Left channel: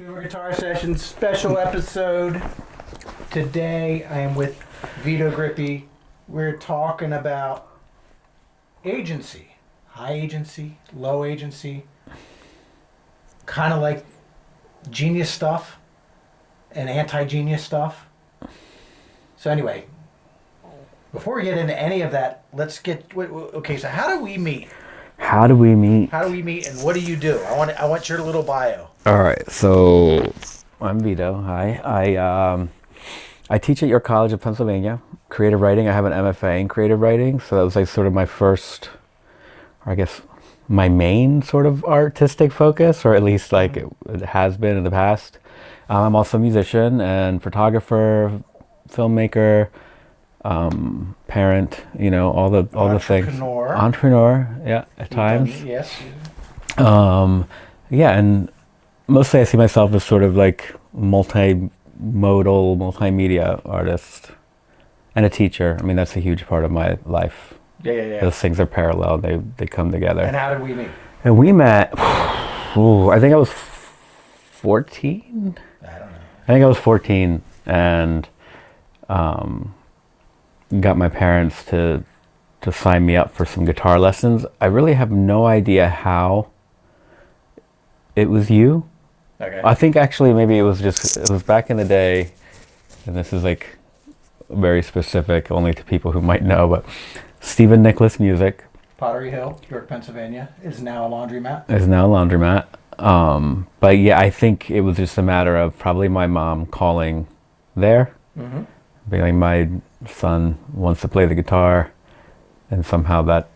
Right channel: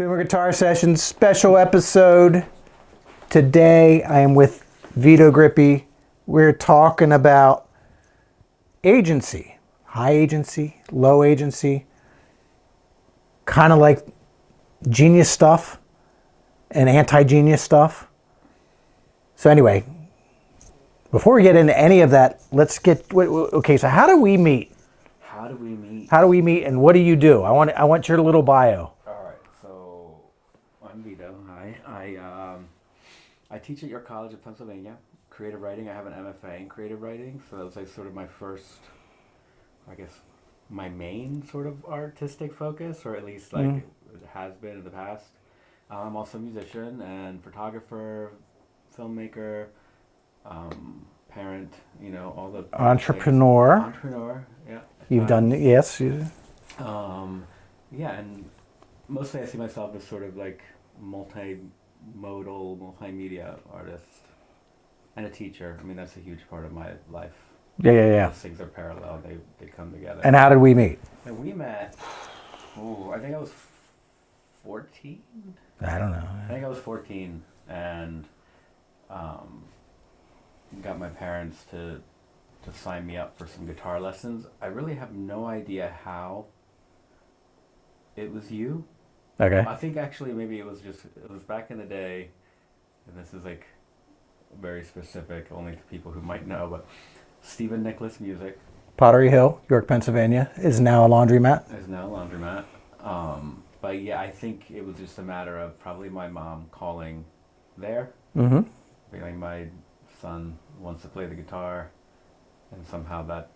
Boomer Guitar Sessions special episode. Today I am with Vito Grippi. We're talking about agency, high agency, low agency, kind of like genius stuff and anti-genius stuff. So anyway, before we get into any of that, let's get, okay, so how do we meet? How do we meet? How do we meet and what do you do? I want your little bio. All right, so I'm Vito. Hi. I teach at your college of Pennsylvania, creative writing. I have an MFA in creative writing, so that was like sort of my first, or I guess my main sort of artistic focus, or at least like it has been in the past. I'm also a musician and photographer, filmmaker, parent, you know, all the things. Entrepreneur, yeah, at times. Yes. Yeah, and mostly I see myself as sort of like multimodal, multimedia artist and a teacher. I mean, that's a huge part of my life. Yeah. Those things are parallel. They come together. And how did we meet? And we met, I think I was 14? I don't know. I think I was 14 and got my parents to sign me up for some guitar lessons. I really have no idea how it was you. Okay. I think actually maybe it was back in the day, and this is like very specific only to people who might know, but Stephen Nicholas Music. Pottery Hill, York, Pennsylvania, is now a laundromat. But yeah, I think it was just a matter of probably my mom calling there, being like, my son wants to play the guitar, and somehow that...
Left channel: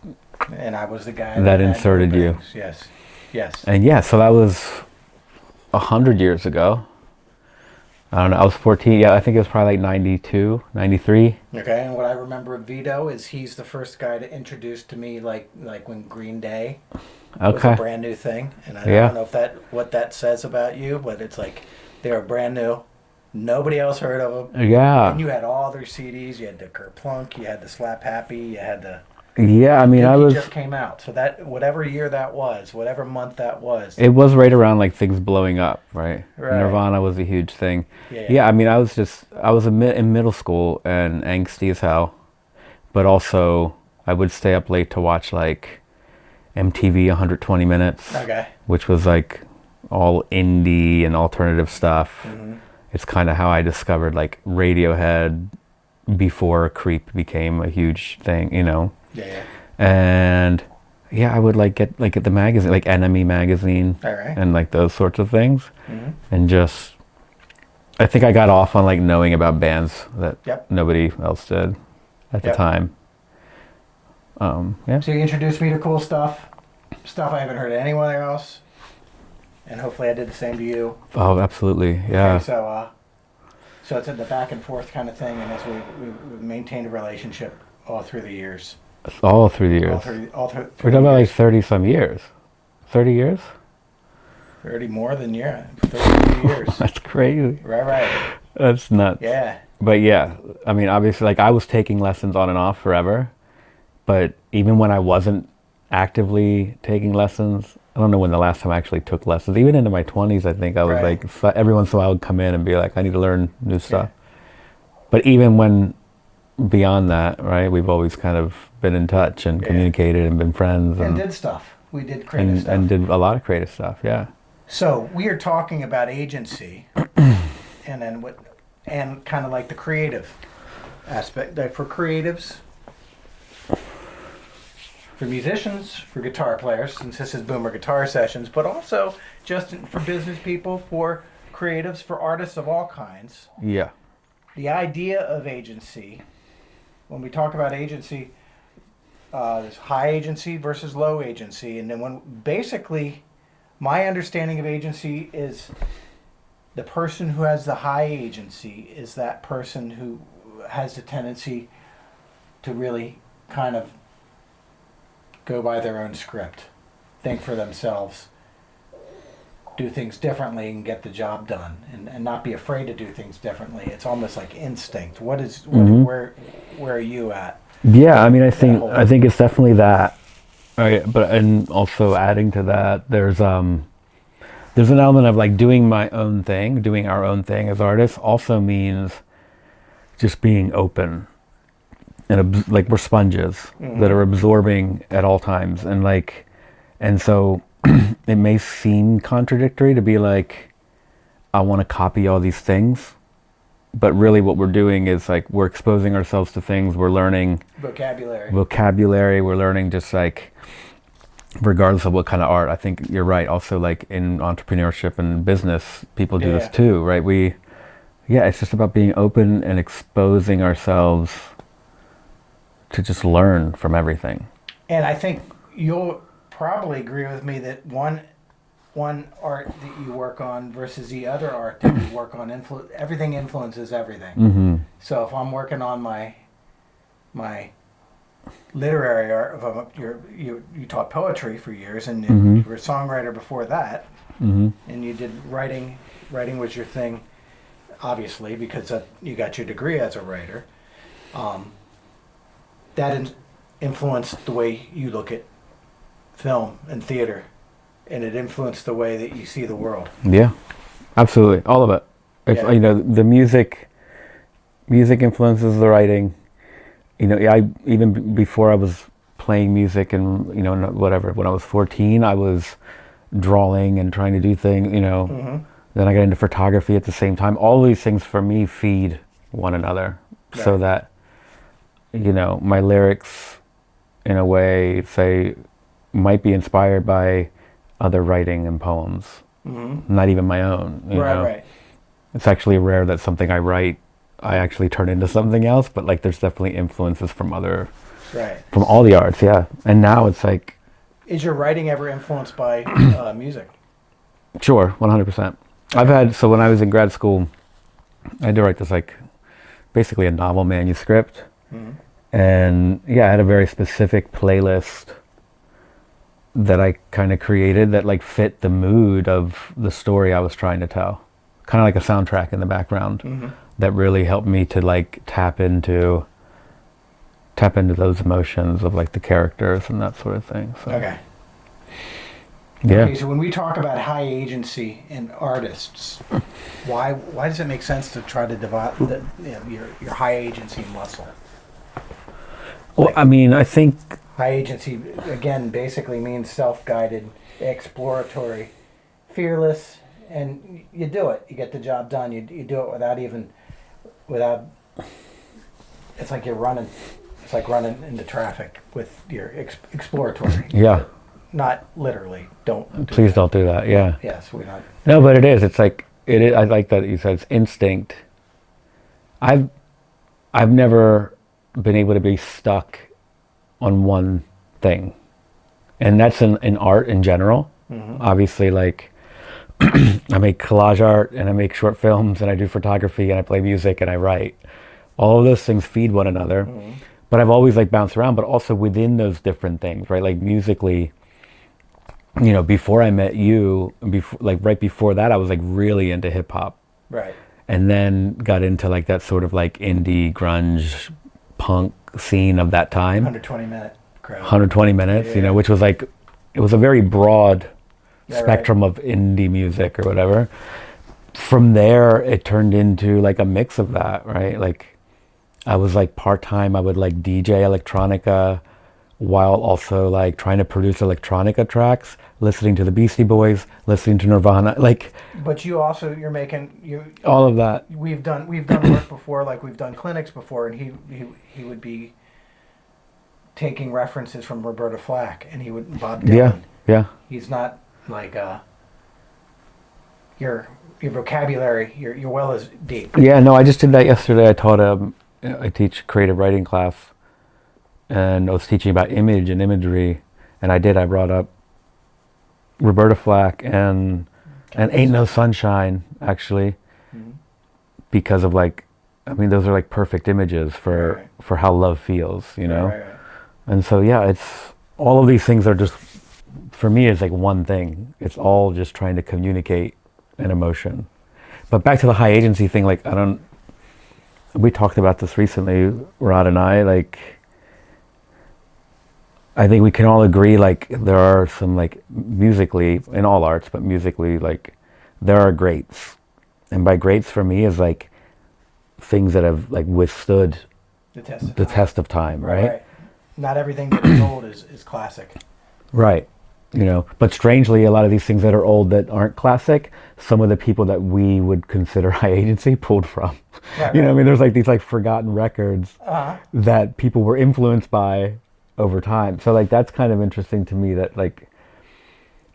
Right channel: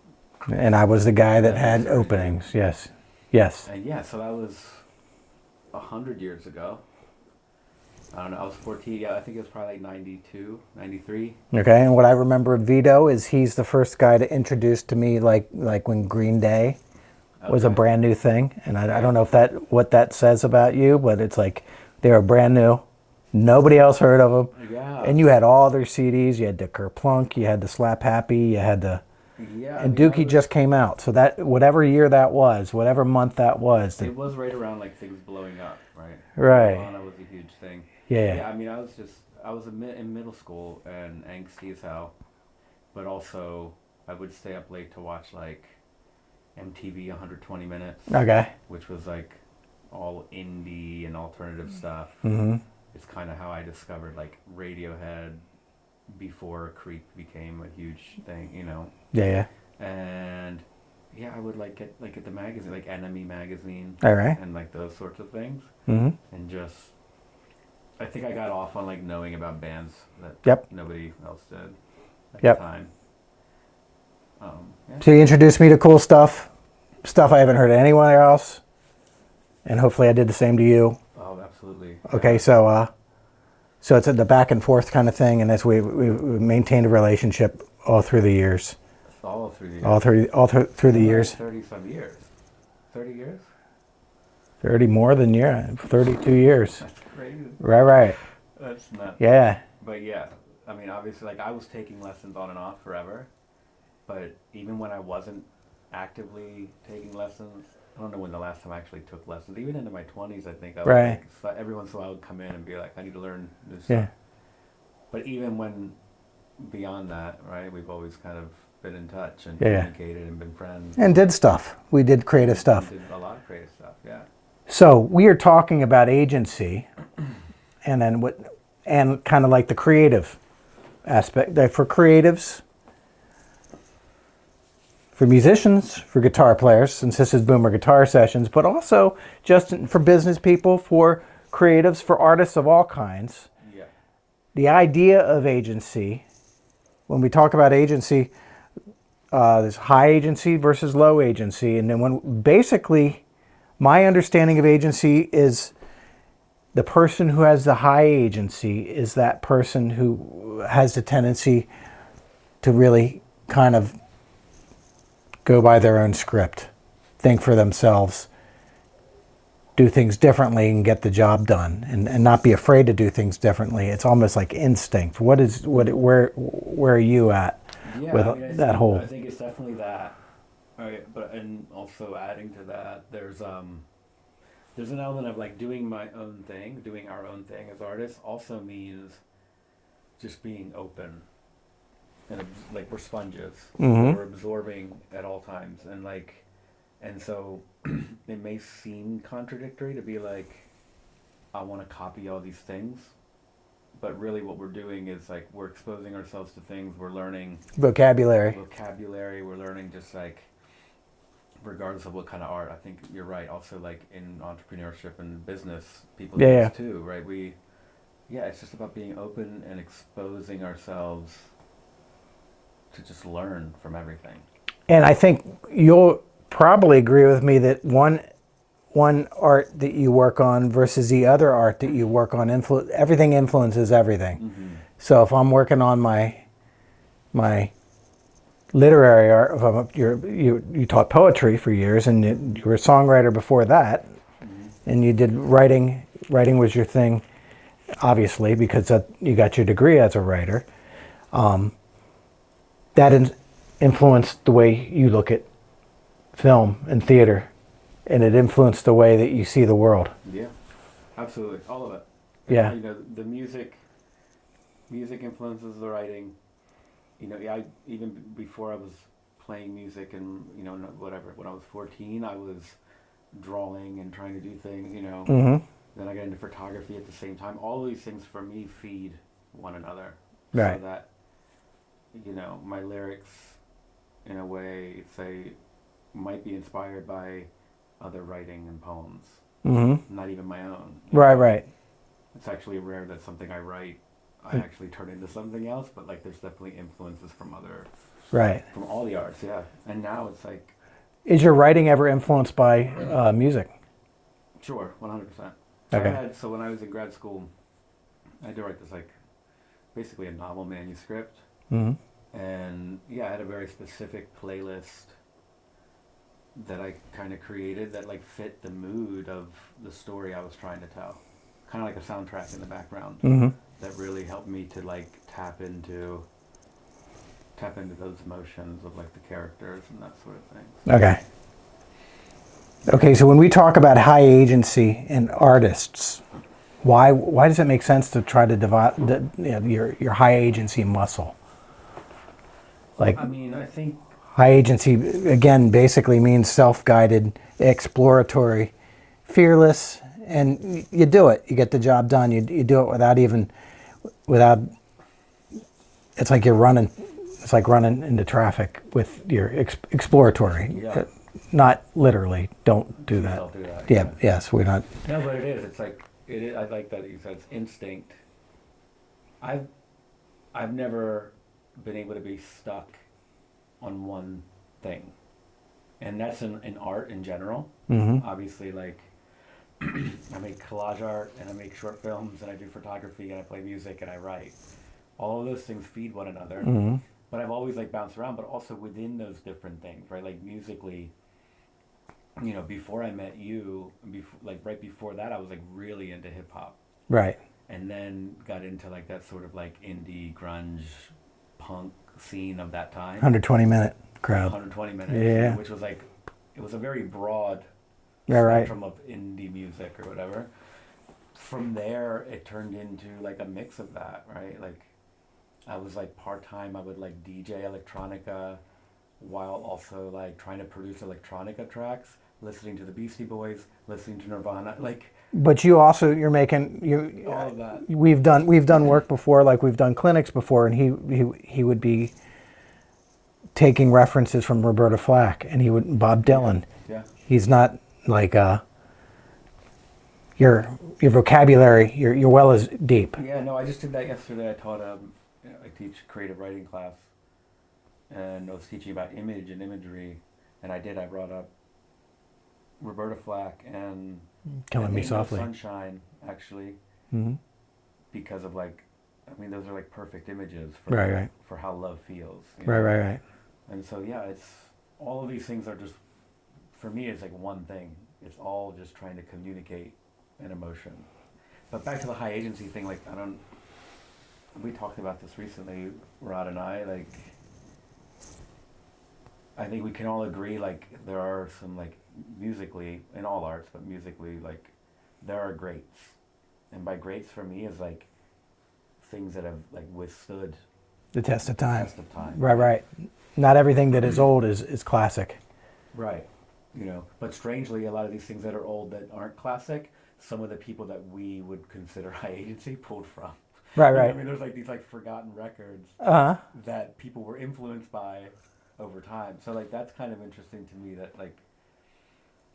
And I was the guy that had inserted openings. you. Yes. And yeah, so that was 100 years ago. I don't know, I was 14, yeah, I think it was probably like 92, 93. Okay, and what I remember of Vito is he's the first guy to introduce to me like when Green Day was a brand new thing. And I don't know if what that says about you, but it's like they were brand new. Nobody else heard of them. Yeah. And you had all their CDs. You had the Kerplunk, you had the Slap Happy, you had the... Yeah, I mean, Dookie just came out. So that, whatever year that was, whatever month that was. It was right around like things blowing up, right? Right. Nirvana was a huge thing. Yeah. I mean, I was in middle school and angsty as hell. But also, I would stay up late to watch like MTV 120 Minutes. Okay. Which was like all indie and alternative stuff. Mm-hmm. It's kind of how I discovered like Radiohead before Creep became a huge thing, you know? Yeah. And yeah, I would like get the magazine, like Enemy magazine, all right, and like those sorts of things, and just I think I got off on like knowing about bands that nobody else did at the time. Yeah. So you introduced me to cool stuff I haven't heard of anywhere else, and hopefully I did the same to you. Oh, absolutely. Yeah. Okay, so it's the back and forth kind of thing, and as we maintained a relationship all through the years. All through the years. All through the years. Like 30 some years. 30 years? 30 more than 33 years. That's crazy. Right. That's nuts. Yeah. But yeah, I mean, obviously, like I was taking lessons on and off forever, but even when I wasn't actively taking lessons, I don't know when the last time I actually took lessons. Even into my 20s, I think I was like, every once in a while I would come in and be like, I need to learn new stuff. But even when beyond that, right, we've always kind of been in touch and communicated and been friends. And did stuff. We did creative stuff. And did a lot of creative stuff, yeah. So we are talking about agency and then and kind of like the creative aspect. For creatives, for musicians, for guitar players, since this is Boomer Guitar Sessions, but also just for business people, for creatives, for artists of all kinds. Yeah. The idea of agency, when we talk about agency, there's high agency versus low agency. And then basically, my understanding of agency is the person who has the high agency is that person who has the tendency to really kind of go by their own script, think for themselves, do things differently and get the job done, and not be afraid to do things differently. It's almost like instinct. Where are you at? Yeah, I mean, I think it's definitely that. Right, but and also adding to that, there's there's an element of like doing my own thing, doing our own thing as artists also means just being open and like we're sponges that are absorbing at all times. And like, and so it may seem contradictory to be like, I want to copy all these things, but really what we're doing is like, we're exposing ourselves to things, we're learning Vocabulary, we're learning just like, regardless of what kind of art. I think you're right. Also, like in entrepreneurship and business, people do this too, right? It's just about being open and exposing ourselves to just learn from everything. And I think you'll probably agree with me that one art that you work on versus the other art that you work on, everything influences everything. So if I'm working on my literary art, you taught poetry for years, and you were a songwriter before that, and you did writing. Writing was your thing, obviously, because you got your degree as a writer. That influenced the way you look at film and theater, and it influenced the way that you see the world. Yeah, absolutely, all of it. Yeah. You know, the music influences the writing. You know, I even before I was playing music and, you know, whatever, when I was 14, I was drawing and trying to do things, you know. Then I got into photography at the same time. All these things for me feed one another, so that, you know, my lyrics in a way, say, might be inspired by other writing and poems, not even my own. You know? Right. It's actually rare that something I write I actually turn into something else, but like there's definitely influences from from all the arts, yeah. And now it's like, is your writing ever influenced by music? Sure, 100%. Okay. So when I was in grad school, I had to write this like basically a novel manuscript, and yeah, I had a very specific playlist that I kind of created that like fit the mood of the story I was trying to tell, kind of like a soundtrack in the background. That really helped me to like tap into those emotions of like the characters and that sort of thing. So, okay. Yeah. Okay, so when we talk about high agency in artists, why does it make sense to try to develop your high agency muscle? Well, I mean, I think high agency, again, basically means self-guided, exploratory, fearless, and you do it. You get the job done. You do it without, it's like you're running. It's like running into traffic with your exploratory. Yeah. Not literally. Don't do Please that. don't do that. Yeah. Yes, we're not. No, but it is. It's like it is. I like that you said it's instinct. I've never been able to be stuck on one thing, and that's in art in general. Obviously, like I make collage art and I make short films and I do photography and I play music and I write. All of those things feed one another. But I've always like bounced around, but also within those different things, right? Like musically, you know, before I met you, right before that, I was like really into hip hop. Right. And then got into like that sort of like indie grunge punk scene of that time. 120-minute crowd. 120 minutes, you know, which was like, it was a very broad spectrum right. of indie music or whatever. From there, it turned into like a mix of that, right? Like I was like part-time, I would like DJ electronica while also like trying to produce electronica tracks, listening to the Beastie Boys, listening to Nirvana, like. But you're making all of that. We've done work before, like we've done clinics before, and he would be taking references from Roberta Flack, and Bob Dylan. Yeah. He's not like your vocabulary, your well is deep. Yeah, no, I just did that yesterday. I teach creative writing class, and I was teaching about image and imagery, and I brought up Roberta Flack and Ain't No Sunshine, actually, because of like, I mean, those are like perfect images for how love feels, you know? Right. And so, yeah, it's, all of these things are just, for me, it's like one thing. It's all just trying to communicate an emotion. But back to the high agency thing, like, we talked about this recently, Rod and I, like, I think we can all agree, like, there are some, like, musically, in all arts, but musically, like, there are greats. And by greats for me is like things that have like withstood The test of the time. test of time, Right, right? right. Not everything that is old is classic. Right. But strangely, a lot of these things that are old that aren't classic, some of the people that we would consider high agency pulled from. Right, You know what I right. mean? There's like these like forgotten records Uh-huh. that people were influenced by over time. So like that's kind of interesting to me that like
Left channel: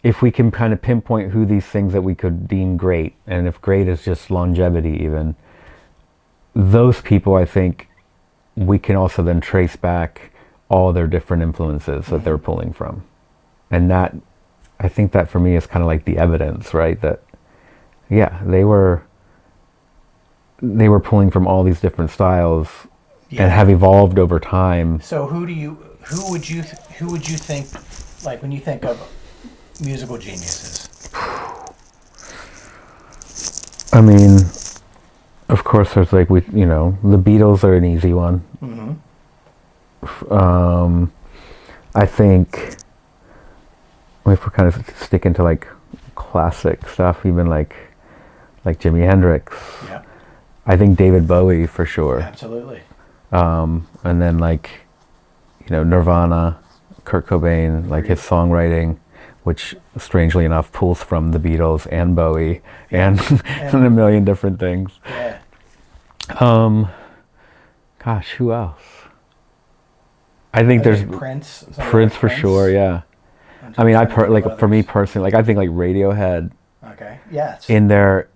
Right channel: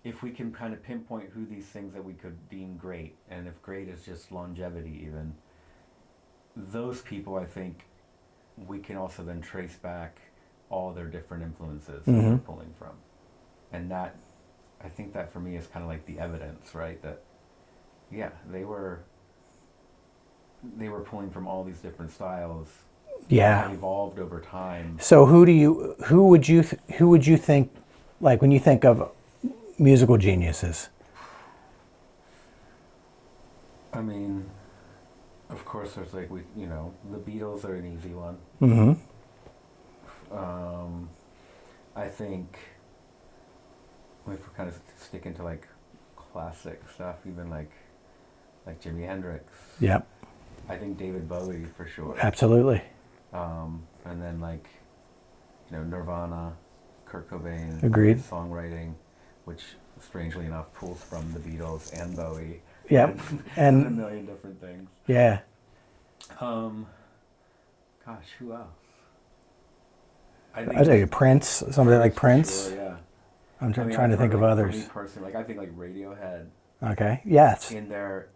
if we can kind of pinpoint who these things that we could deem great, and if great is just longevity even, those people I think we can also then trace back all their different influences that they're pulling from. And that, I think that for me is kind of like the evidence, right? That, yeah, they were pulling from all these different styles Yeah. and have evolved over time. So who would you think, like when you think of musical geniuses? I mean, of course, there's like the Beatles are an easy one. I think if we're kind of sticking to like classic stuff, even like Jimi Hendrix. Yeah, I think David Bowie for sure. absolutely. And then like Nirvana, Kurt Cobain, like Agreed. his songwriting, which strangely enough pulls from the Beatles and Bowie Yeah. and, And- a million different things. Yeah. Gosh, who else? I think there's Prince. Somebody Prince like for sure. Yeah. I'm I mean, trying to think of for me others. personally, like I think like Radiohead Okay. Yes. in their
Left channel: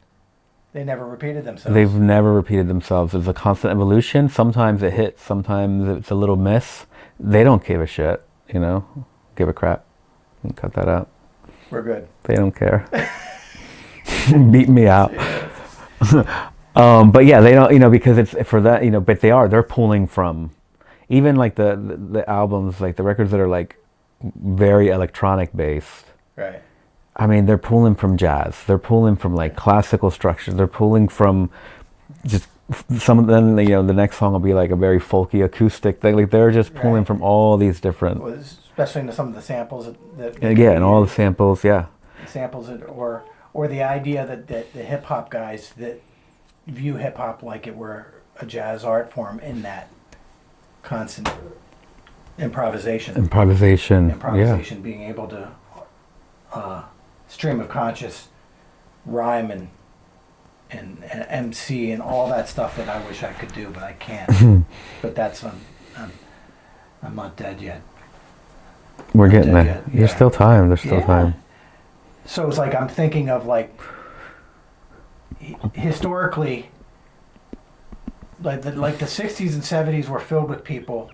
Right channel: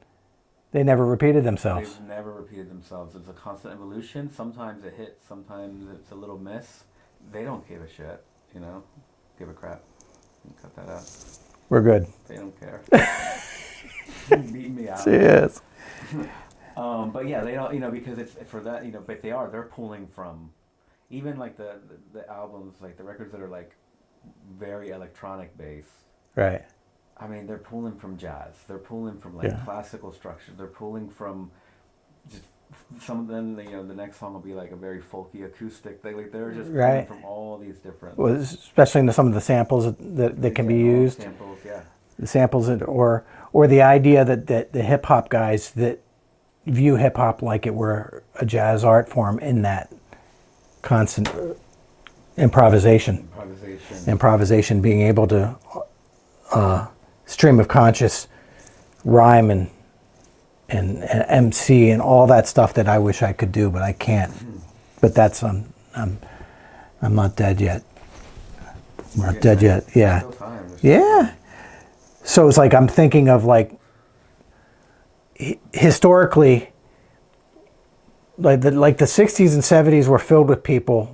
They never repeated themselves. they've never repeated themselves. It's a constant evolution. Sometimes it hits, sometimes it's a little miss. They don't give a shit, give a crap. You can cut that out. We're good. They don't care. Beat me out. Yes. But yeah, they don't, because it's for that, but they're pulling from even like the albums, like the records that are like very electronic based. Right. I mean, they're pulling from jazz. They're pulling from like classical structures. They're pulling from just some of them, the next song will be like a very folky acoustic thing. Like they're just pulling Right. from all these different, Well, especially in some of the samples that can yeah, be and all the used. samples, yeah. The samples or the idea that the hip hop guys that view hip hop like it were a jazz art form in that constant improvisation. Improvisation. Being able to stream of conscious rhyme and MC and all that stuff that I wish I could do, but I can't. But that's I'm not dead yet. We're Not getting dead there. yet, There's yeah. still time. There's still Yeah. time. So it's like I'm thinking of like historically, like the 60s and 70s were filled with people,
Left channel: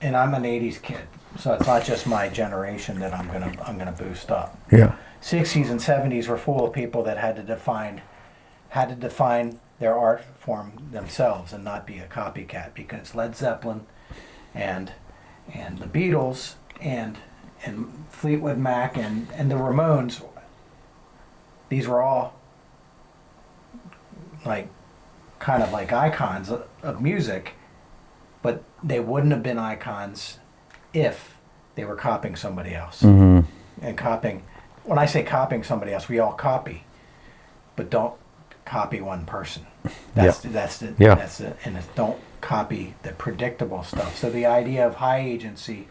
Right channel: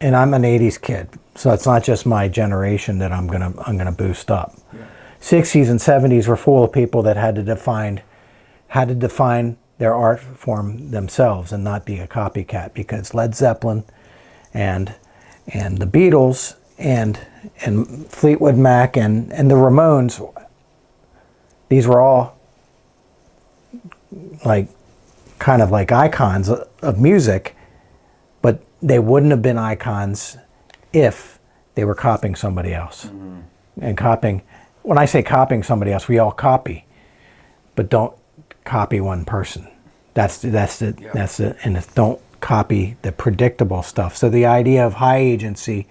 and I'm an 80s kid, so it's not just my generation that I'm gonna boost up. Yeah. 60s and 70s were full of people that had to define their art form themselves and not be a copycat, because Led Zeppelin and the Beatles and Fleetwood Mac and the Ramones, these were all like kind of like icons of music, but they wouldn't have been icons if they were copying somebody else. Mm-hmm. And copying, when I say copying somebody else, we all copy, but don't copy one person. That's it. And it's don't copy the predictable stuff. So the idea of high agency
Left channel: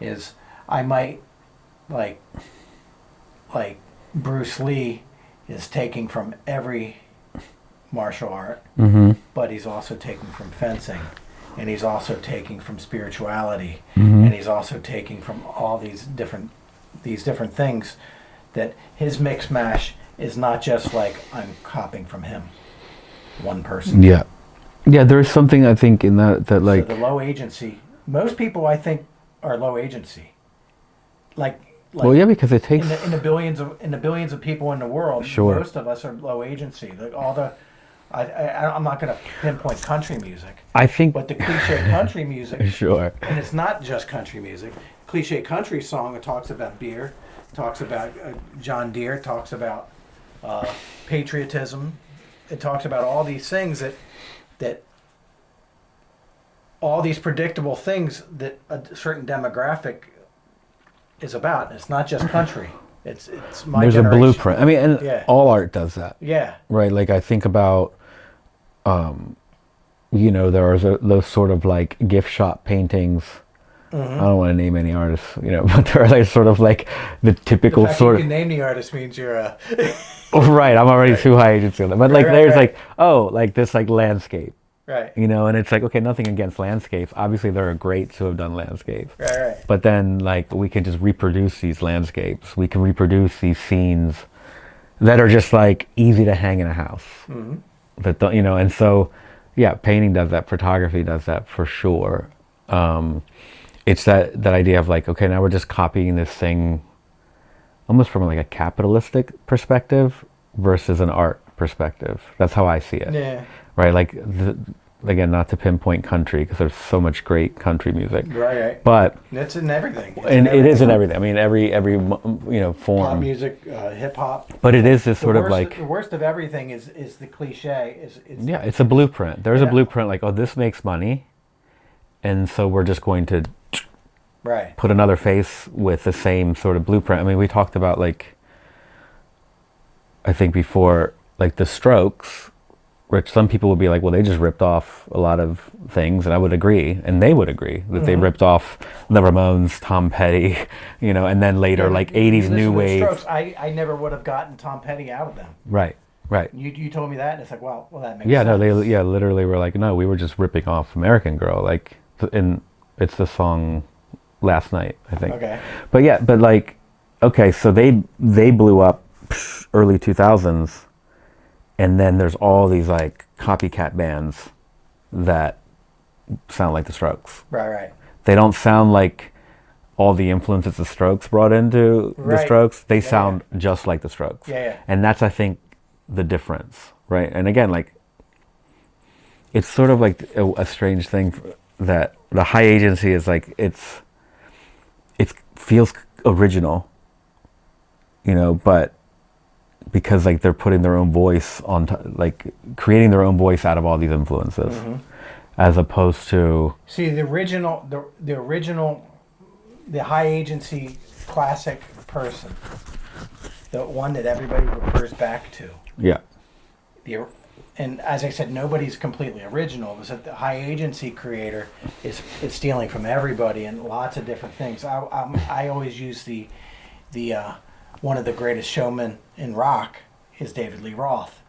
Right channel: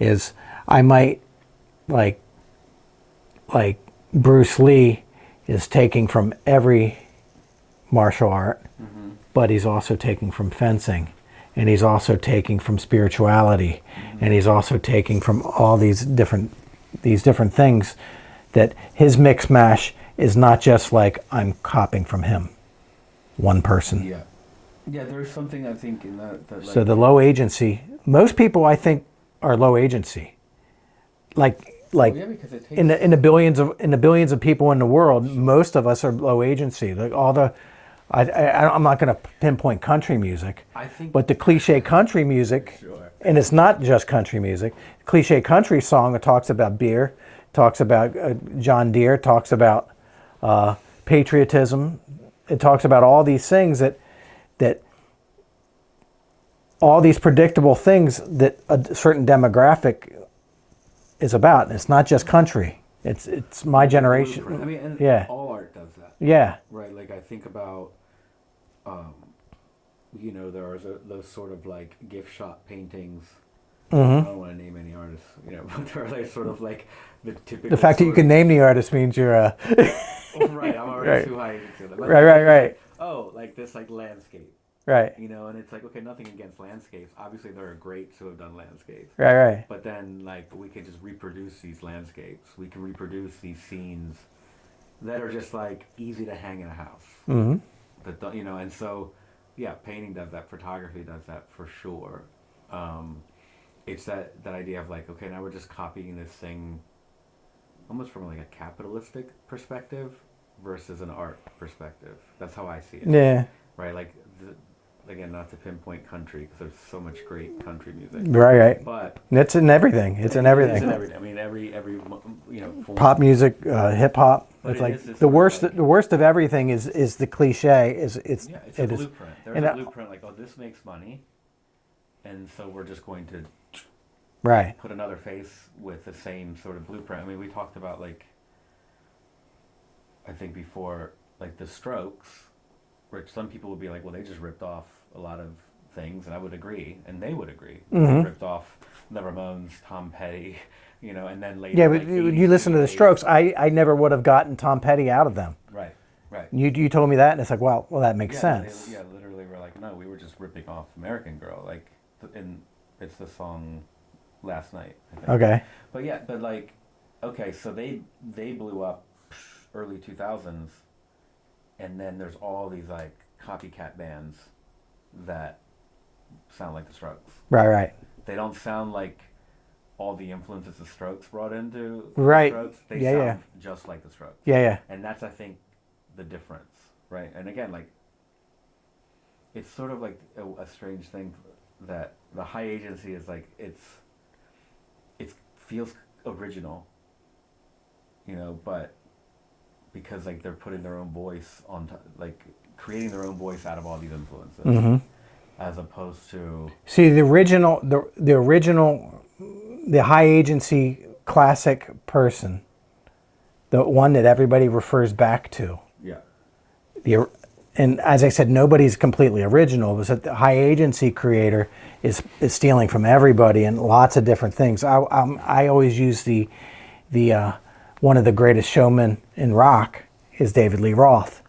is I might like Bruce Lee is taking from every martial art, but he's also taking from fencing, and he's also taking from spirituality, and he's also taking from all these different things, that his mix mash is not just like I'm copying from him, one person. Yeah. Yeah, there's something I think in that like So the low agency, most people I think are low agency. Like well, yeah, because it takes in the billions of people in the world, Sure. most of us are low agency. Like I'm not going to pinpoint country music, I think but the cliche country music, Sure. and it's not just country music. Cliche country song that talks about beer, talks about John Deere, talks about patriotism. It talks about all these things that all these predictable things that a certain demographic is about. And it's not just country. It's my There's generation. a blueprint. I mean, and Yeah. all art does that. Yeah. Right. Like I think about, there are those sort of like gift shop paintings. I don't want to name any artists, but they're like sort of like the typical The fact sort that you of. can name the artist means you're Oh, right. I'm already too high agency on that. But like there's like, like this like landscape, right. and it's like, okay, nothing against landscapes. Obviously there are greats who have done landscapes. Right. But then like we can just reproduce these landscapes. We can reproduce these scenes that are just like easy to hang in a house. That don't, and so yeah, painting does that, photography does that for sure. It's that idea of like, okay, now we're just copying this thing almost from like a capitalistic perspective versus an art perspective. That's how I see it. Yeah. Right. Like again, not to pinpoint country because there's so much great country music. Right. But it's in everything. It's and it is in everything. I mean, every form. Pop music, hip hop. But it is this sort of like the worst of everything is the cliche. It's a blueprint. There's a blueprint like, oh, this makes money, and so we're just going to put another face with the same sort of blueprint. I mean, we talked about like, I think before, like the Strokes, which some people would be like, well, they just ripped off a lot of things, and I would agree, and they would agree that they ripped off the Ramones, Tom Petty, and then later like 80s you listen new to the wave. Strokes, I never would have gotten Tom Petty out of them. Right. You told me that, and it's like, well, that makes sense. No, they literally were like, no, we were just ripping off American Girl, like, and it's the song Last Night, I think. Okay. But like, okay, so they blew up early 2000s, and then there's all these like copycat bands that sound like the Strokes. Right. They don't sound like all the influences the Strokes brought into the Strokes. They sound just like the Strokes. Yeah. And that's, I think, the difference, right? And again, like, it's sort of like a strange thing that the high agency is like, it feels original, but because like they're putting their own voice on, like creating their own voice out of all these influences, as opposed to the original, the high agency classic person, the one that everybody refers back to. Yeah. And as I said, nobody's completely original. It was that the high agency creator is stealing from everybody and lots of different things. I always use the one of the greatest showmen in rock is David Lee Roth.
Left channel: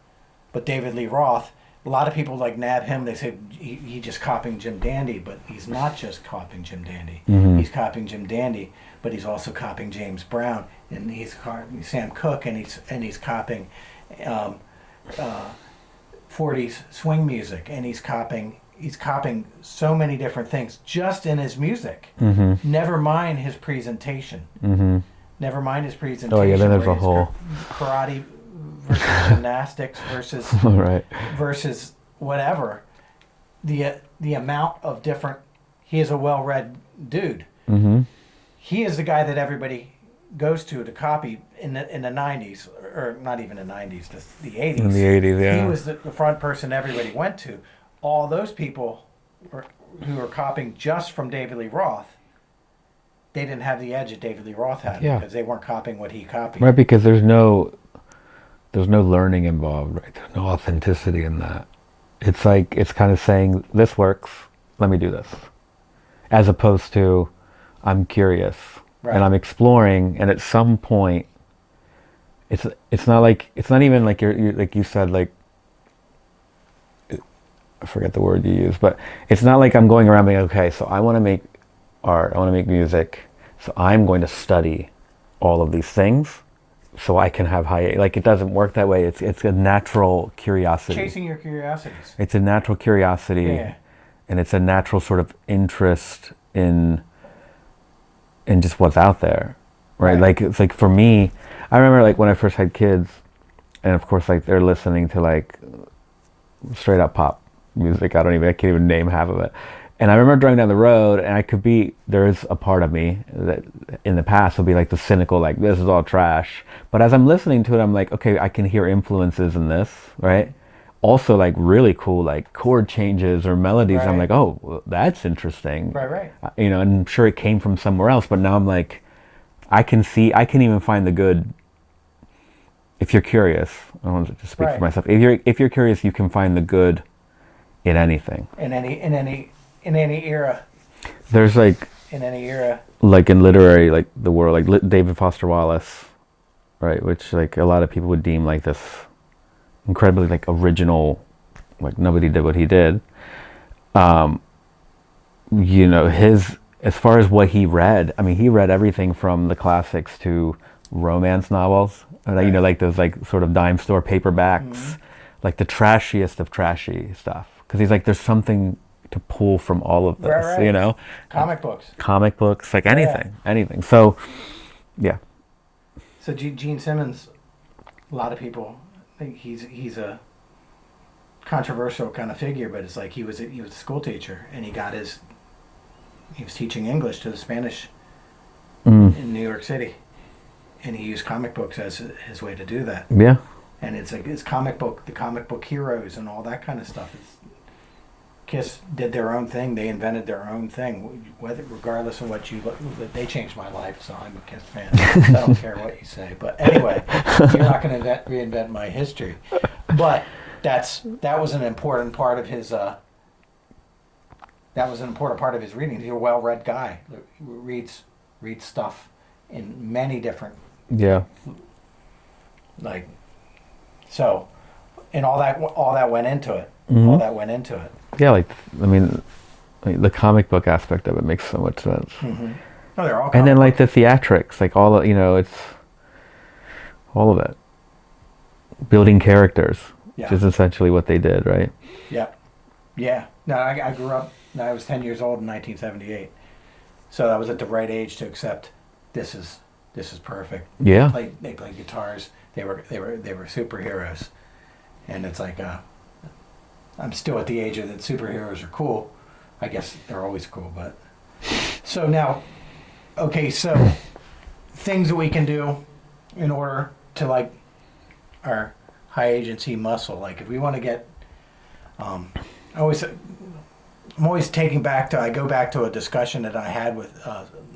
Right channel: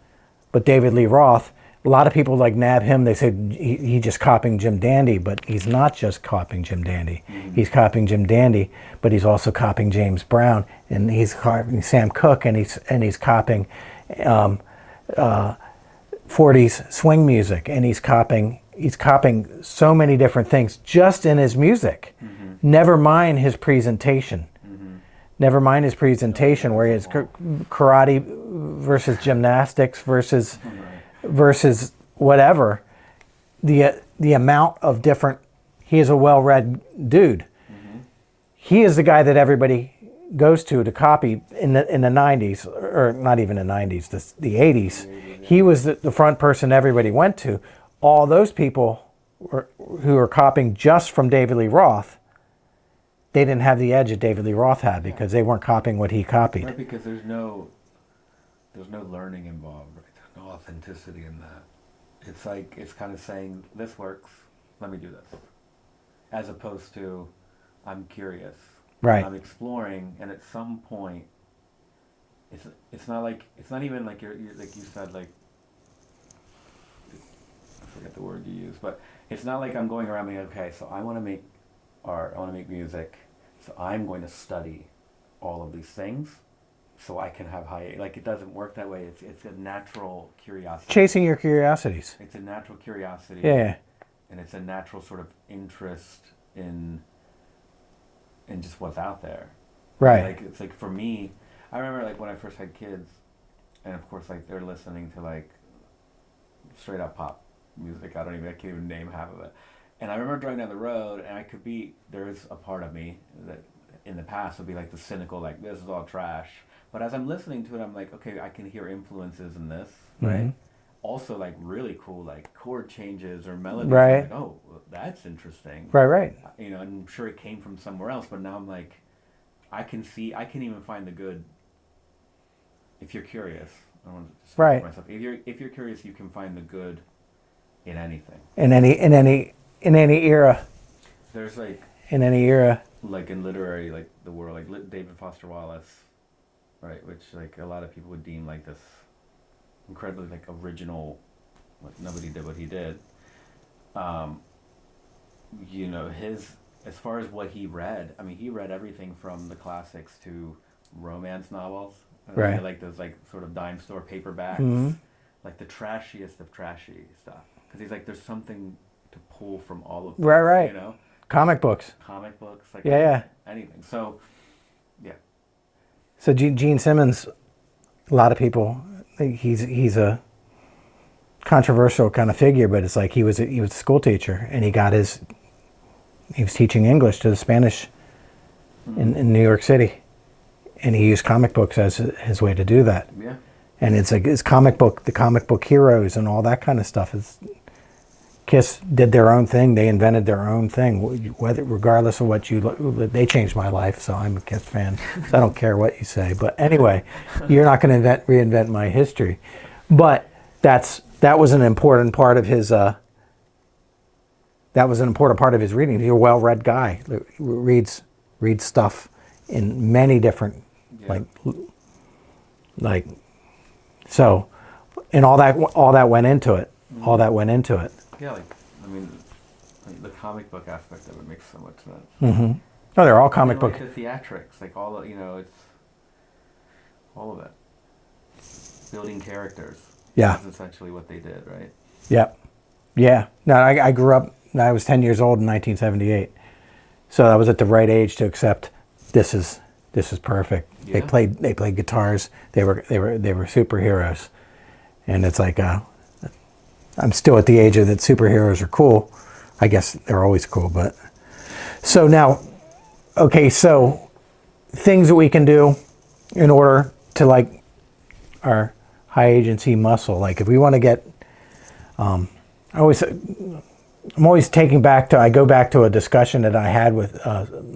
But David Lee Roth, a lot of people like nab him. They say he just copying Jim Dandy, but he's not just copying Jim Dandy. He's copying Jim Dandy, but he's also copying James Brown, and he's copying Sam Cooke, and he's copying 40s swing music, and he's copying so many different things just in his music. Never mind his presentation. Never mind his presentation, where it's karate versus gymnastics versus versus whatever. The amount of different. He is a well-read dude. He is the guy that everybody goes to copy in the 90s, or not even the 90s, the 80s. In the 80s, yeah. He was the front person everybody went to. All those people who are copying just from David Lee Roth, they didn't have the edge that David Lee Roth had because they weren't copying what he copied. Right, because there's no learning involved, right? There's no authenticity in that. It's like, it's kind of saying, this works, let me do this. As opposed to, I'm curious. Right. And I'm exploring, and at some point, it's not even like you're like you said, like, I forget the word you use, but it's not like I'm going around being, okay, so I want to make art, I want to make music, so I'm going to study all of these things so I can have high, like, it doesn't work that way. It's a natural curiosity. Chasing your curiosities. It's a natural curiosity. Yeah. And it's a natural sort of interest in just what's out there. Right. Like, it's like for me, I remember like when I first had kids, and of course like they're listening to like straight up pop music. I can't even name half of it. And I remember driving down the road, and there is a part of me that in the past would be like the cynical, like, this is all trash. But as I'm listening to it, I'm like, okay, I can hear influences in this, right? Also like really cool, like chord changes or melodies. Right. I'm like, oh, well, that's interesting. Right. And I'm sure it came from somewhere else, but now I'm like I can even find the good if you're curious. I don't want to just speak Right. for myself. If you're curious, you can find the good in anything. In any era. There's like In any era. in literary like the world, like David Foster Wallace, right, which like a lot of people would deem like this incredibly like original, like nobody did what he did. His, as far as what he read, I mean, he read everything from the classics to romance novels, Right. like those like sort of dime store paperbacks, like the trashiest of trashy stuff, because he's like, there's something to pull from all of this, Right. Comic books. like Yeah. anything. So yeah. So Gene Simmons, a lot of people, he's a controversial kind of figure, but it's like he was a school teacher, and he was teaching English to the Spanish in New York City, and he used comic books as his way to do that. Yeah. And it's like the comic book heroes and all that kind of stuff. Kiss did their own thing. They invented their own thing. Regardless of what they changed my life. So I'm a Kiss fan. I don't care what you say. But anyway, you're not going to reinvent my history. But that was an important part of his. That was an important part of his reading. He's a well-read guy. Reads stuff in many different. Yeah. Like so, and all that went into it. All that went into it. Yeah, like I mean, like, the comic book aspect of it makes so much sense. Oh, they're all comic And then like book. the theatrics, like all it's all of it. Building characters. Yeah. Is essentially what they did, right? Yep. Yeah. No, I grew up. I was 10 years old in 1978, so I was at the right age to accept this is perfect. Yeah. They played guitars. They were superheroes, and it's like I'm still at the age of that superheroes are cool. I guess they're always cool, but so now, okay, so things that we can do in order to like our high agency muscle. Like if we want to get, I'm always taking back to, I go back to a discussion that I had with,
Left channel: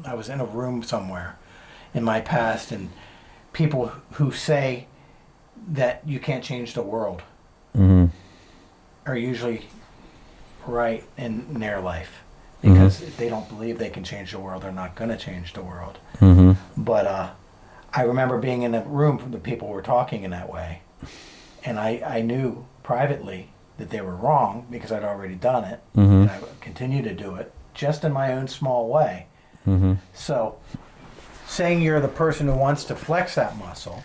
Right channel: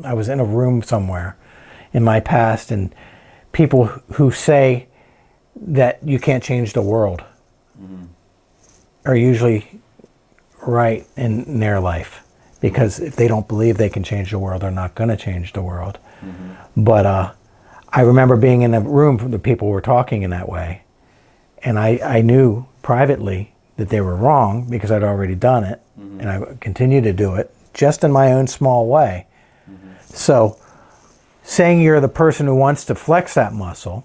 I was in a room somewhere in my past, and people who say that you can't change the world are usually right in their life, because if they don't believe they can change the world, they're not going to change the world. But I remember being in a room where the people were talking in that way, and I knew privately that they were wrong because I'd already done it, and I would continue to do it just in my own small way. So saying you're the person who wants to flex that muscle,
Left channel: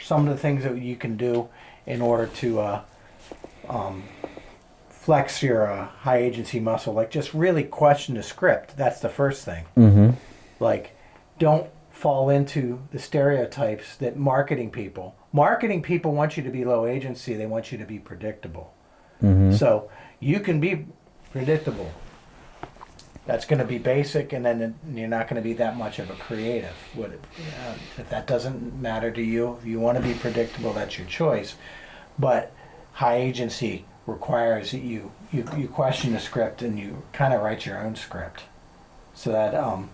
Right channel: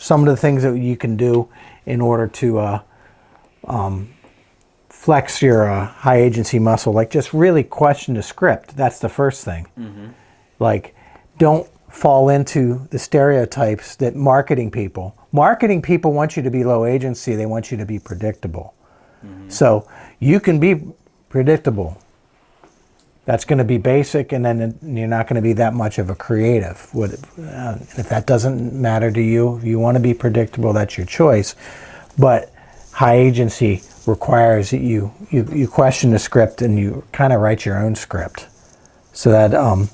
some of the things that you can do in order to flex your high agency muscle, like just really question the script. That's the first thing. Like, don't fall into the stereotypes that marketing people want you to be low agency. They want you to be predictable. So you can be predictable. That's going to be basic, and then you're not going to be that much of a creative. If that doesn't matter to you, if you want to be predictable, that's your choice. But high agency requires that you question the script and you kind of write your own script. So that, do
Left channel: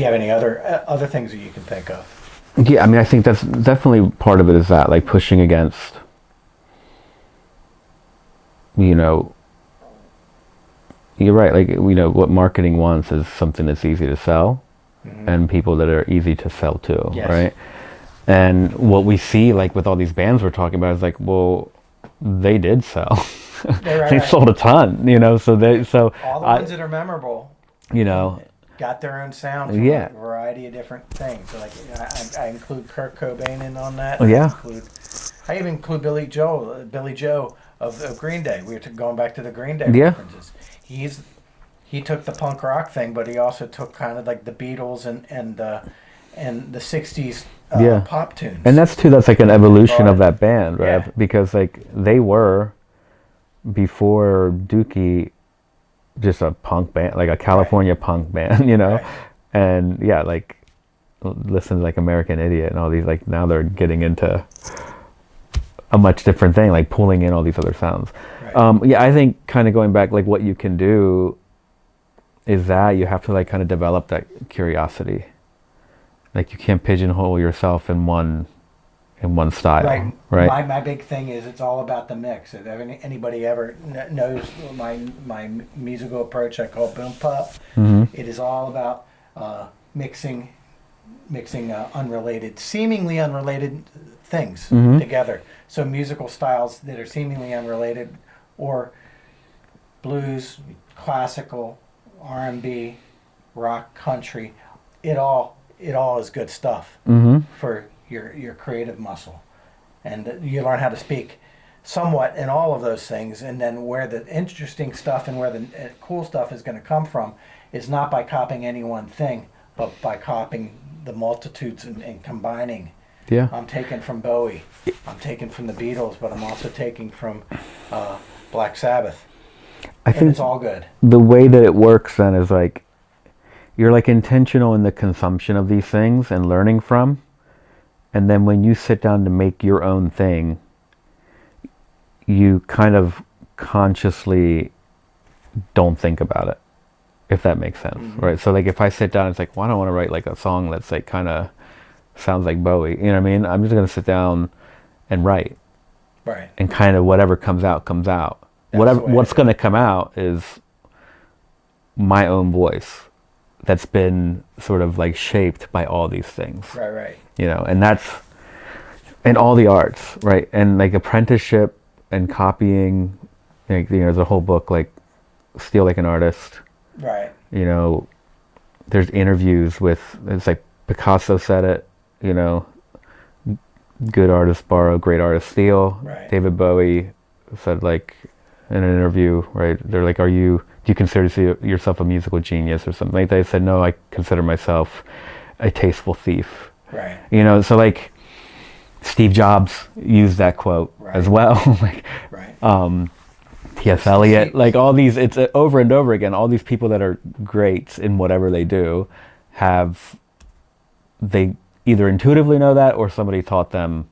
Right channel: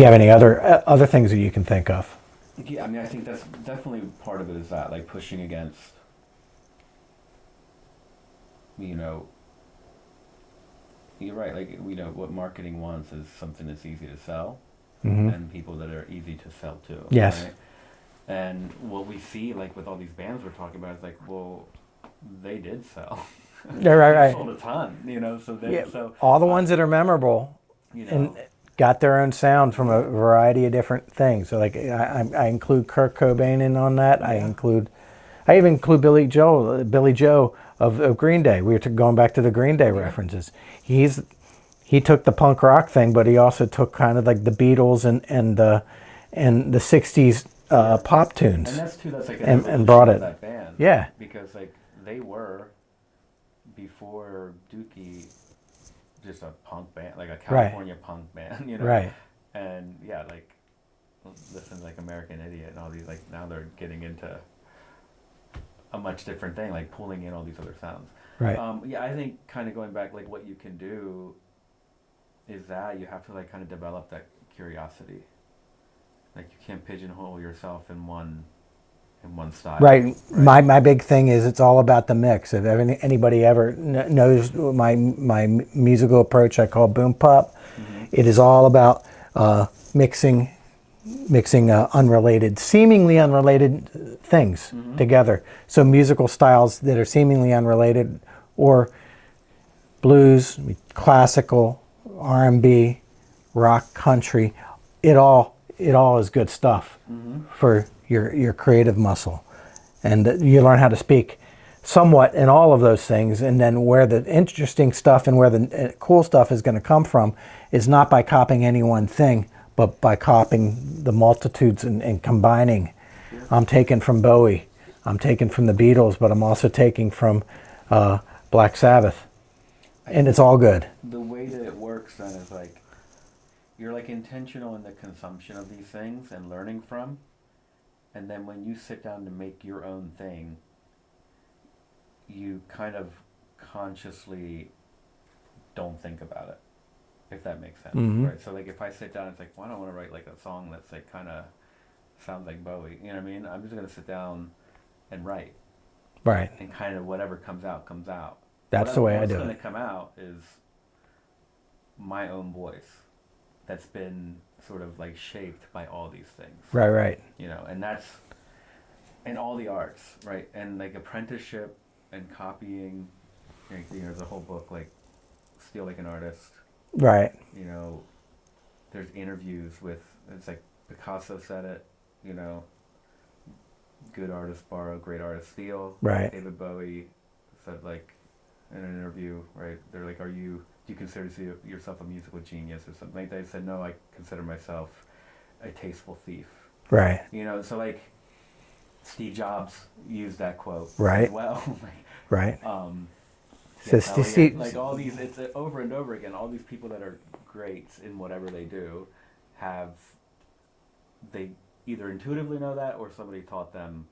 you have any other things that you can think of? Yeah, I mean, I think that's definitely part of it, is that like pushing against, you're right, like, what marketing wants is something that's easy to sell, and people that are easy to sell to, Yes. right? And what we see, like, with all these bands we're talking about is like, well, they did sell. Right, They right. sold a ton, so All the ones that are memorable, got their own sound from Yeah. a variety of different things. So like I include Kurt Cobain in on that. Yeah. I even include Billy Joe of Green Day. We were going back to the Green Day Yeah. references. He took the punk rock thing, but he also took kind of like the Beatles and the 60s Yeah. pop tunes. And that's like an And evolution brought of it. that band, right? Yeah. Because like they were, before Dookie, just a punk band, like a California punk band, Right. And yeah, like listen to like American Idiot and all these, like now they're getting into a much different thing, like pulling in all these other sounds. Right. Yeah, I think kind of going back, like what you can do is that you have to like kind of develop that curiosity. Like you can't pigeonhole yourself in one style. Right. Right. My big thing is it's all about the mix. If anybody ever knows my musical approach, I call boom pop. It is all about mixing seemingly unrelated things together. So musical styles that are seemingly unrelated, or blues, classical, R&B, rock, country, it all is good stuff for your creative muscle. And you learn how to speak somewhat in all of those things, and then where the interesting stuff and where the cool stuff is going to come from is not by copying any one thing, but by copying the multitudes and combining. Yeah. I'm taking from Bowie, I'm taking from the Beatles, but I'm also taking from Black Sabbath. And it's all good. The way that it works then is like, you're like intentional in the consumption of these things and learning from. And then when you sit down to make your own thing, you kind of consciously don't think about it, if that makes sense, right? So like if I sit down, it's like, well, I don't want to write like a song that's like kind of sounds like Bowie, you know what I mean? I'm just going to sit down and write. Right. And kind of whatever comes out, comes out. What's going to come out is my own voice that's been sort of like shaped by all these things. Right. You know, and that's in all the arts, right? And like apprenticeship and copying, like, you know, there's a whole book like Steal Like an Artist. Right. You know, there's interviews with, it's like Picasso said it, you know, good artists borrow, great artists steal. Right. David Bowie said like in an interview, right? They're like, do you consider yourself a musical genius or something like that? I said, no, I consider myself a tasteful thief. Right. You know, so like Steve Jobs used that quote as well. Like, right. T.S. Eliot, like all these, it's over and over again, all these people that are greats in whatever they do they either intuitively know that or somebody taught them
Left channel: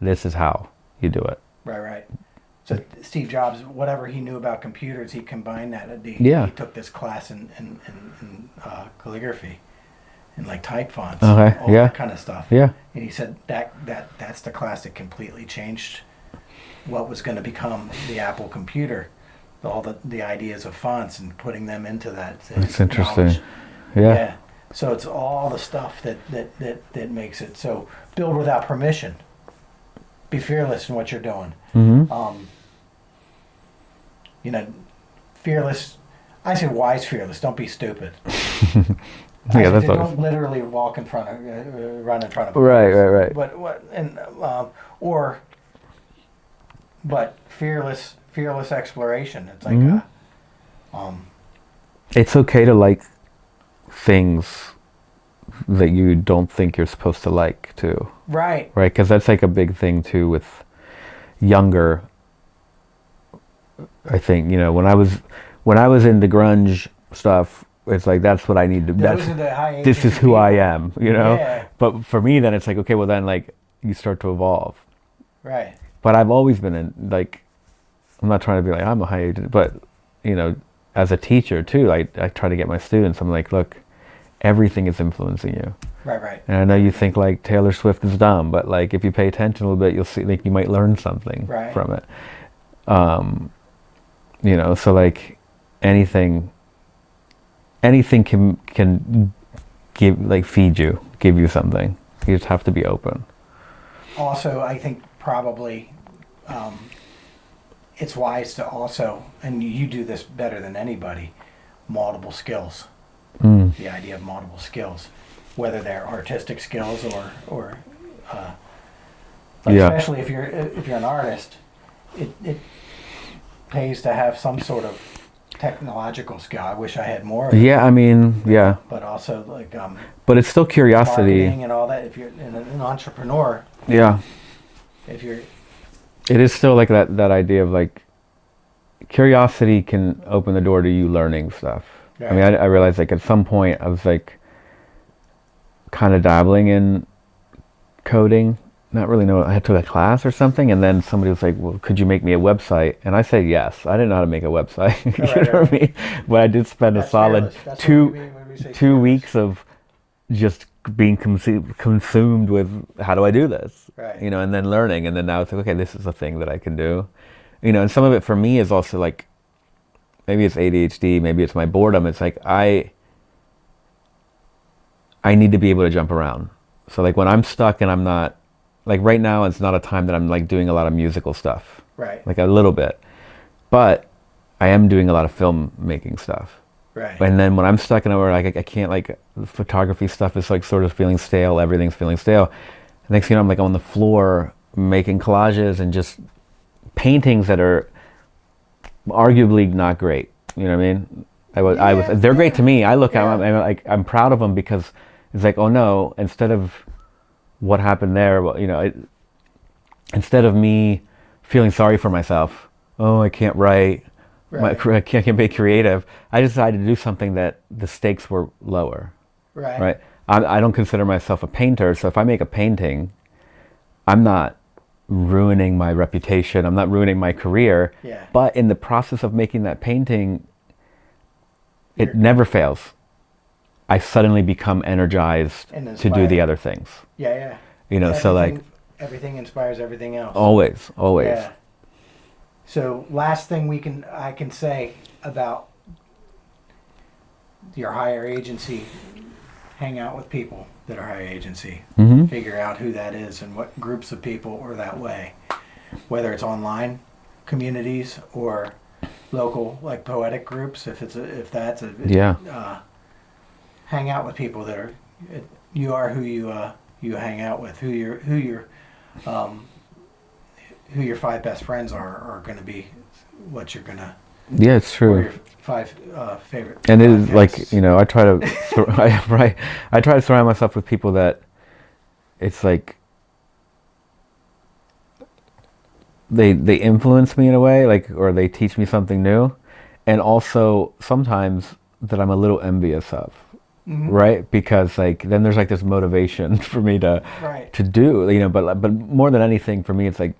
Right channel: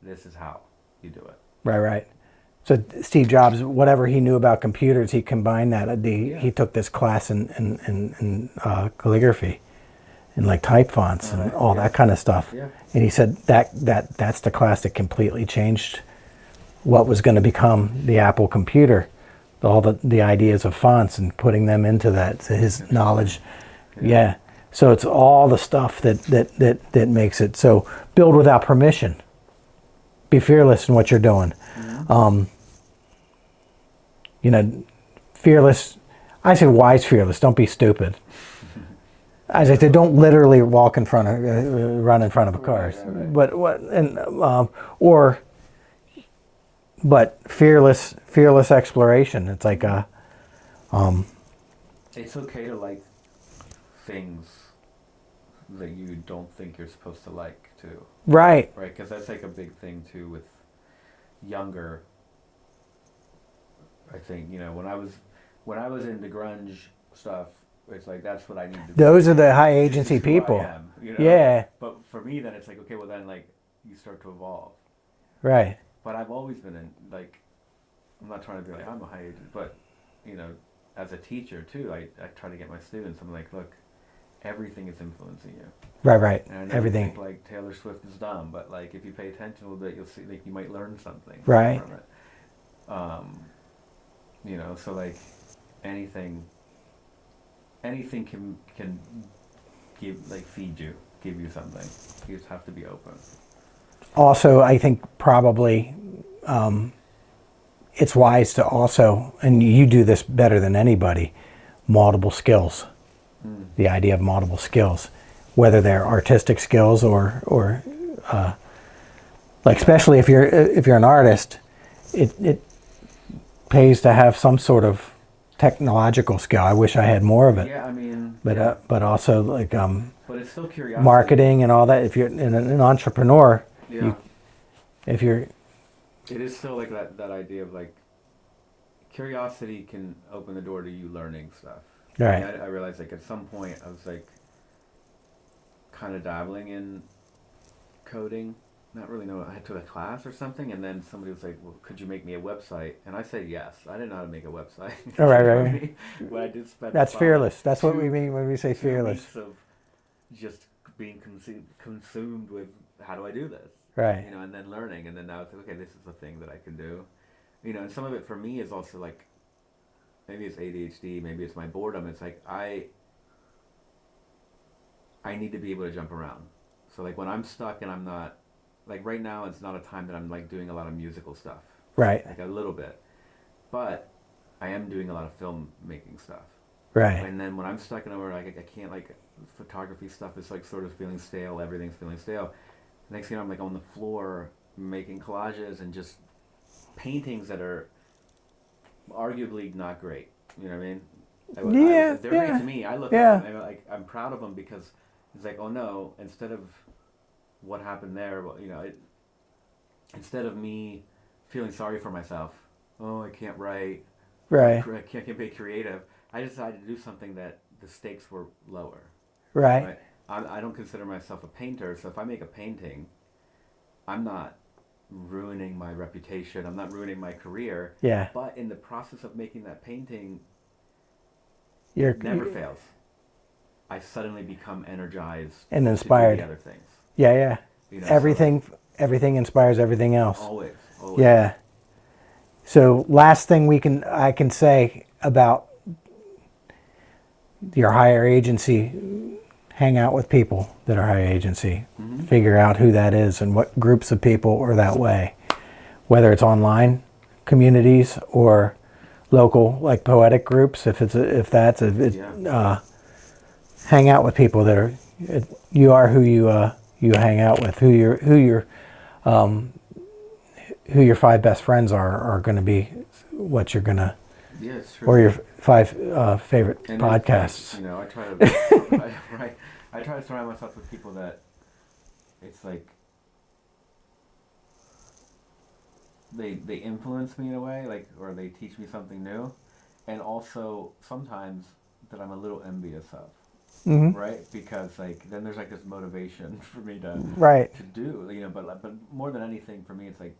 this is how you do it. Right. So Steve Jobs, whatever he knew about computers, he combined that. He took this class in calligraphy and like type fonts, all that kind of stuff. Yeah. And he said that's the class that completely changed what was going to become the Apple computer, all the ideas of fonts and putting them into that. So his knowledge. Yeah. So it's all the stuff that makes it. So build without permission. Be fearless in what you're doing. You know, fearless. I say wise fearless. Don't be stupid. I say don't literally walk in front of, run in front of a car. Right. But what but fearless exploration. It's like it's okay to like things that you don't think you're supposed to like too. Right. Because that's like a big thing too with younger. I think, you know, when I was into grunge stuff, it's like that's what I need to. Those are the high agency This is who people. I am, you know. Yeah. But for me, then it's like, okay, well then like you start to evolve. Right. But I've always been in like, I'm not trying to be like I'm a high agent, but you know, as a teacher too, I try to get my students. I'm like, look, everything is influencing you. Right. And I know you think like Taylor Swift is dumb, but like if you pay attention a little bit, you'll see like you might learn something from it. You know, so like anything can feed you, give you something. You just have to be open. Also, I think probably it's wise to also, and you do this better than anybody, multiple skills. The idea of multiple skills, whether they're artistic skills or especially if you're an artist, it pays to have some sort of technological skill. I wish I had more of it. Yeah, I mean, But also like but it's still curiosity. Marketing and all that. If you're an entrepreneur. If you're. It is still like that idea of like curiosity can open the door to you learning stuff. Right. I mean, I realized like at some point I was like kind of dabbling in coding. Not really know. I had to a class or something, and then somebody was like, "Well, could you make me a website?" And I said yes. I didn't know how to make a website. You know what I mean? But I did spend a solid two weeks of just being consumed with how do I do this, Right. you know, and then learning, and then now it's like, okay, this is a thing that I can do, you know, and some of it for me is also like, maybe it's ADHD, maybe it's my boredom. It's like I need to be able to jump around. So like when I'm stuck and I'm not, like right now, it's not a time that I'm like doing a lot of musical stuff, Right. like a little bit, but I am doing a lot of film making stuff. Right. And then when I'm stuck in a where like I can't, like the photography stuff is like sort of feeling stale, everything's feeling stale. The next thing you know, I'm like on the floor making collages and just paintings that are arguably not great. You know what I mean? They're great to me. I look at them and like I'm proud of them because it's like, oh no, instead of what happened there, well, you know, instead of me feeling sorry for myself, oh, I can't write, Right. I can't be creative. I decided to do something that the stakes were lower. Right. Right. I don't consider myself a painter, so if I make a painting, I'm not ruining my reputation. I'm not ruining my career. Yeah. But in the process of making that painting, it never fails. I suddenly become energized And to do inspired. the other things. Yeah. Yeah. You know, Everything. so like Everything inspires everything else. always. Yeah. So last thing I can say about your hire agency, hang out with people that are hire agency. Mm-hmm. Figure out who that is and what groups of people are that way. Whether it's online communities or local, like poetic groups, hang out with people that are, you are who you hang out with, who your 5 best friends are going to be what you're going to, yeah, it's true. or your 5 favorite and podcasts. it is like, you know, I try to I try to surround myself with people that it's like they influence me in a way, like, or they teach me something new, and also sometimes that I'm a little envious of. Mhm. Right, because like then there's like this motivation for me to Right. to do, you know, but more than anything for me it's like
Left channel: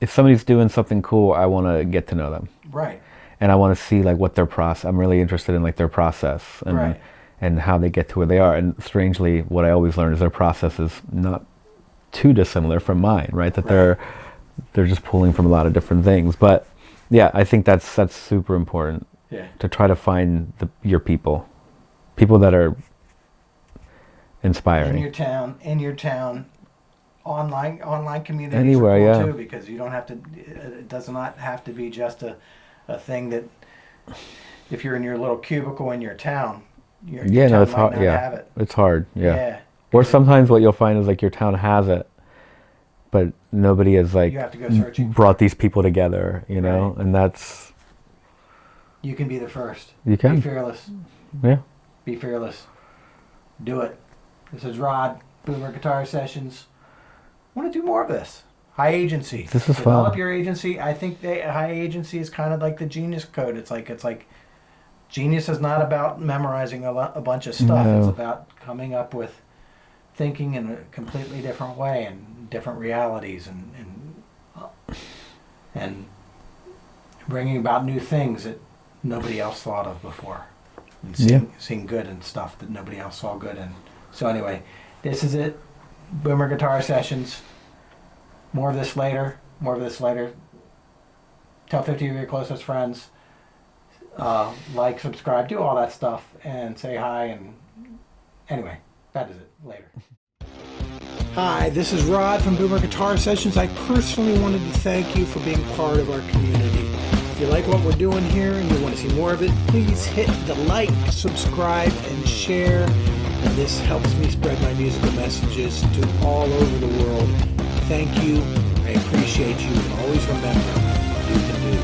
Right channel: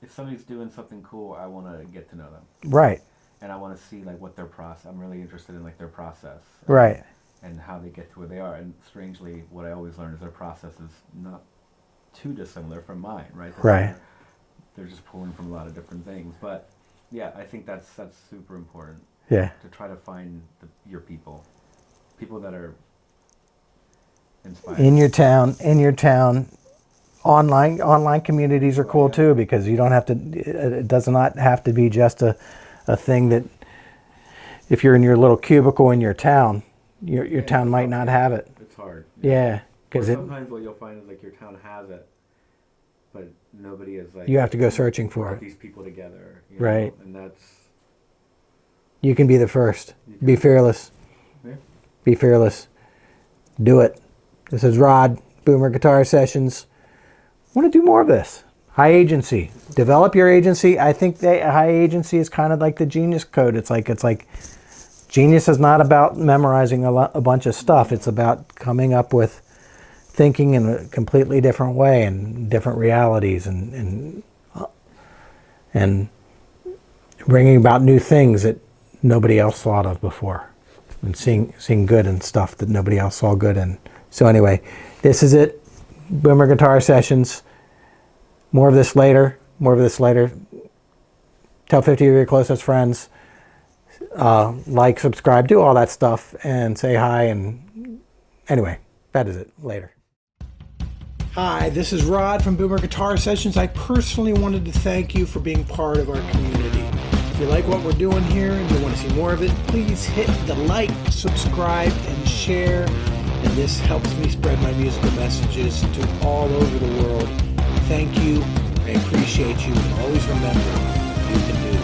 if somebody's doing something cool, I want to get to know them, Right. and I want to see like what their process. I'm really interested in like their process, and, Right. and how they get to where they are. And strangely, what I always learn is their process is not too dissimilar from mine, right? That Right. they're just pulling from a lot of different things. But yeah, I think that's super important Yeah. to try to find your people that are inspiring. In your town, online communities Anywhere, are cool yeah. too, because you don't have to. It does not have to be just a thing that. If you're in your little cubicle in your town, your town it's might hard, not have it. It's hard, yeah. Yeah. Or 'Cause sometimes what you'll find is like your town has it, but nobody has like you have to go searching for brought it. these people together, you know, Right. and that's You can be the first. You can. Be fearless. yeah. Be fearless. Do it. This is Rod, Boomer Guitar Sessions. I want to do more of this. High agency. This is Develop fun. your agency. I think high agency is kind of like the genius code. It's like genius is not about memorizing a bunch of stuff. No. It's about coming up with thinking in a completely different way and different realities and bringing about new things that nobody else thought of before. And seeing good in stuff that nobody else saw good in. So anyway, this is it. Boomer Guitar Sessions. More of this later. Tell 50 of your closest friends. Like, subscribe, do all that stuff, and say hi. And anyway, that is it. Later. Hi, this is Rod from Boomer Guitar Sessions. I personally wanted to thank you for being part of our community. If you like what we're doing here and you want to see more of it, please hit the like, subscribe, and share. And this helps me spread my musical messages to all over the world. Thank you. I appreciate you. And always remember, you can do